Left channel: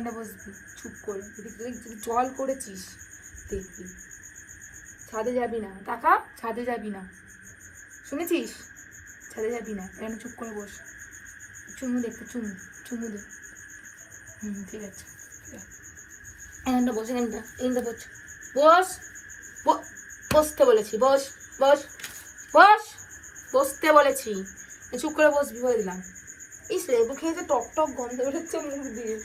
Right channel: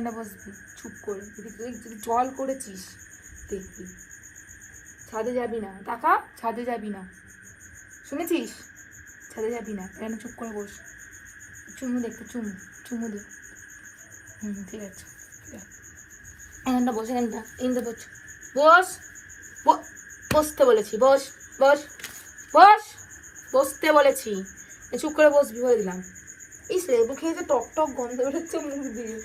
এখানে বসবি চুপ করে, তুই জল করেছিস দেখবি। ছাদে যাবি না কাকা, ছাদে যাবি না, শুনেছিস? ছাদে যাবি না, এখানে চুপ করে বস। চুমু দে, চুমু চুমু দে। ঠিক আছে, এখানটা বস, এখানটা বস, বস বসতে বলেছি, বস বস বস, বসতে বলেছি, চুপ করে বসবি, বলে দিলাম। ইস রে মুখে তো টক টক গন্ধ বেরোচ্ছে মুখ দিয়ে।